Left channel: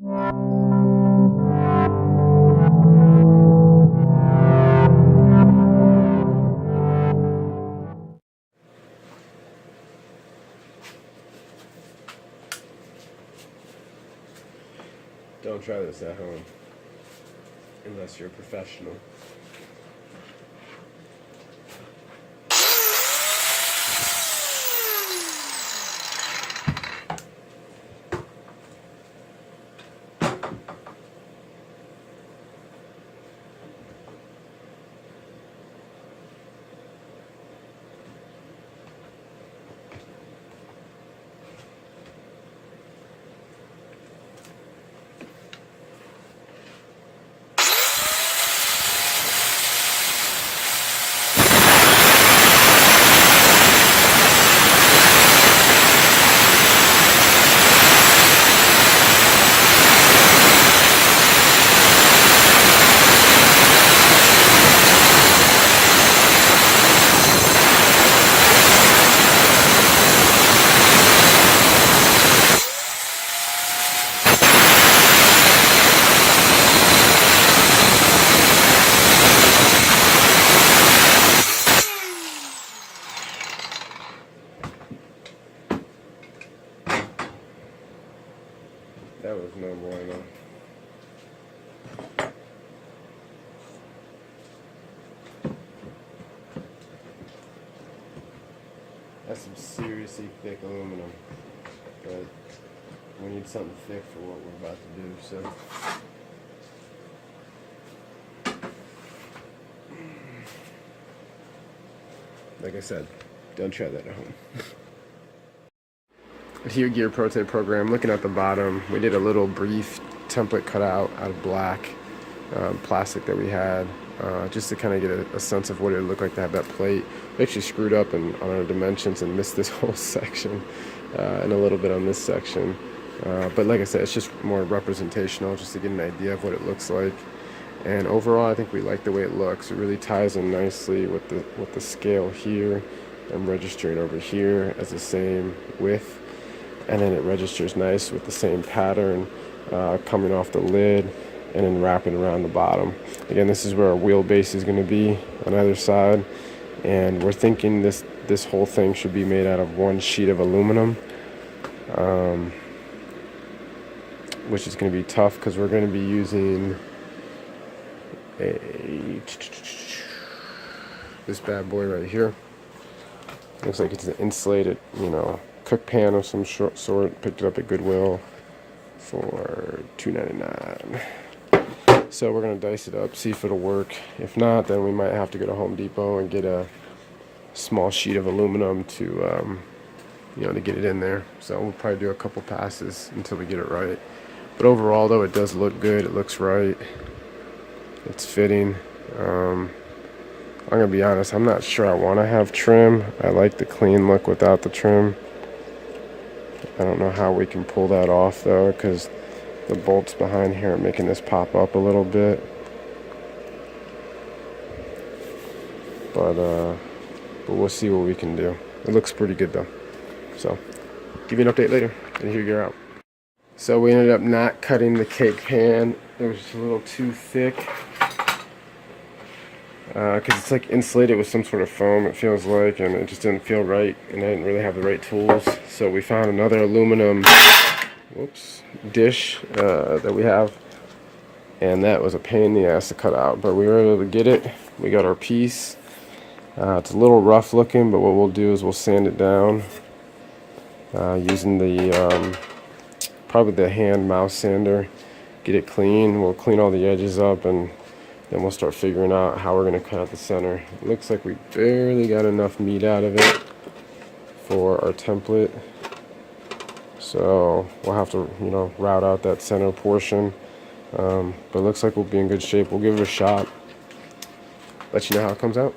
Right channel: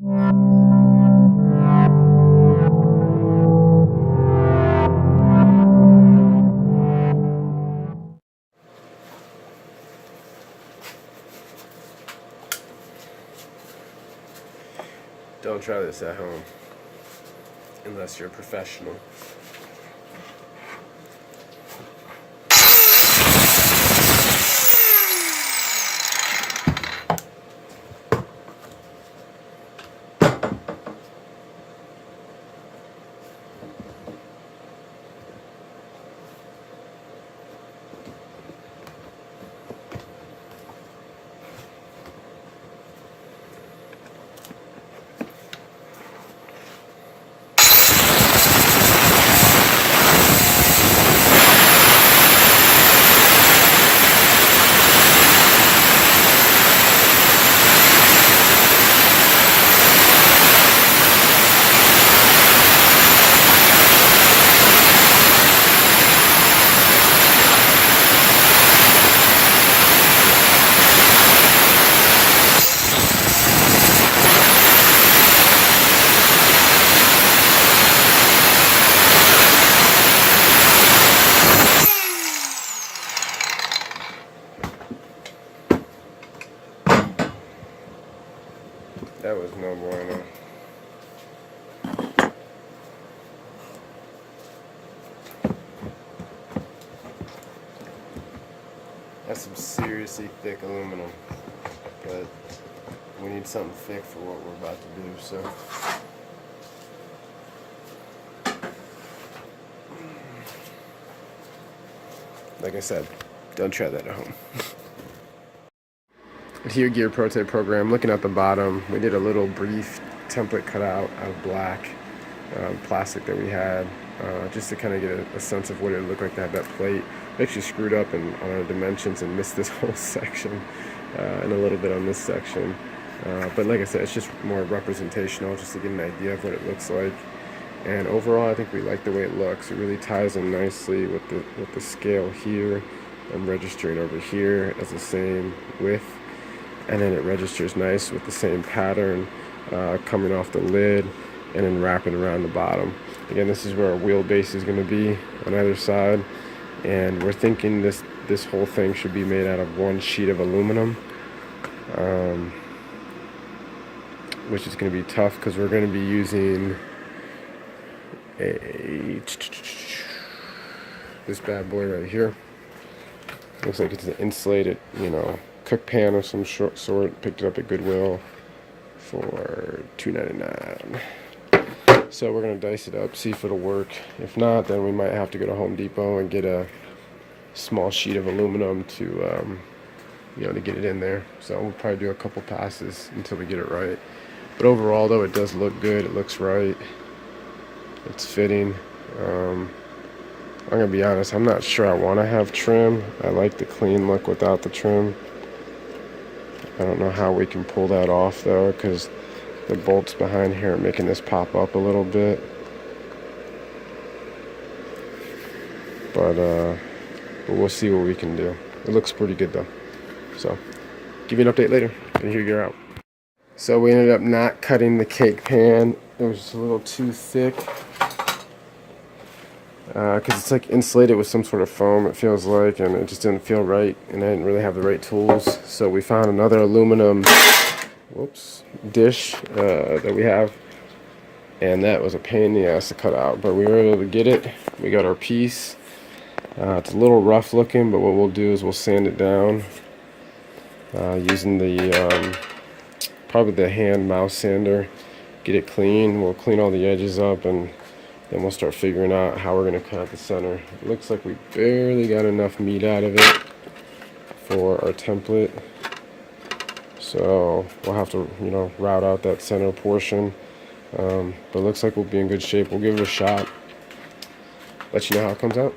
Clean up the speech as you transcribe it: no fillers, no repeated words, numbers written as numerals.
Don't try this at home unless you're a professional. That was no bueno. That's some seriously thick aluminum, but we need something thick for what we're about to do, so. Like I said, don't try that at home. Here, Gear Prototype Program, looking at the bottom, we did a little brief template cutout out of black plastic that we had, just to kind of get a sense of what it would look like to have that plate. We actually screwed up on our dimensions and missed this whole section and a little bit on this section. But like I said, it's just more representational, just to get an idea of what it looks like. And overall, I think we like the way it looks. It really ties in nicely with the scale here. I'm registering over here as the same width. And then it registers nice with the same pattern coming off the lid and then wrapping around the bottom. Again, this is where our wheelbase is going to be on either side. And we're thinking this whole thing should be made out of one sheet of aluminum, which is going to be tough because we're going to be using this bad boy right here. Looks like it's an insulated, cook pan of some sort. Picked it up at Goodwill for $2.99. So we're gonna dice it up, see if it'll work. If not, then we might have to go to Home Depot and get a small sheet of aluminum to to get it in there. So we'll probably do a couple passes until we get it right. But overall, though, it does look good. It looks right. It's fitting. I'm gonna be honest, I'm not sure I want to have trim. I like the clean look without the trim. I don't know how we can pull that off though, because the bolts behind here are making this pop up a little bit. But we'll see what we can do. It looks pretty good though. So, give you an update later. And here you're out. So we ended up not cutting the cake pan. It was just a little too thick. Because it's like insulated with some sort of foam, it feels like, and it just didn't feel right, and I didn't really have the right tools. So we found another aluminum dish that we have, and that was a pain in the ass to cut out, but we were able to get it. We got our piece. It's a little rough looking, but what we'll do is we'll sand it down using the probably the hand mouse sander. Get it clean. We'll clean all the edges up, and then we'll start figuring out how we're going to cut out the center. It looks like we barely got enough meat out of it for our template. So we'll have to, route out that center portion. But it looks like we'll be in good shape. We'll give it a shot. Let you know how it comes out.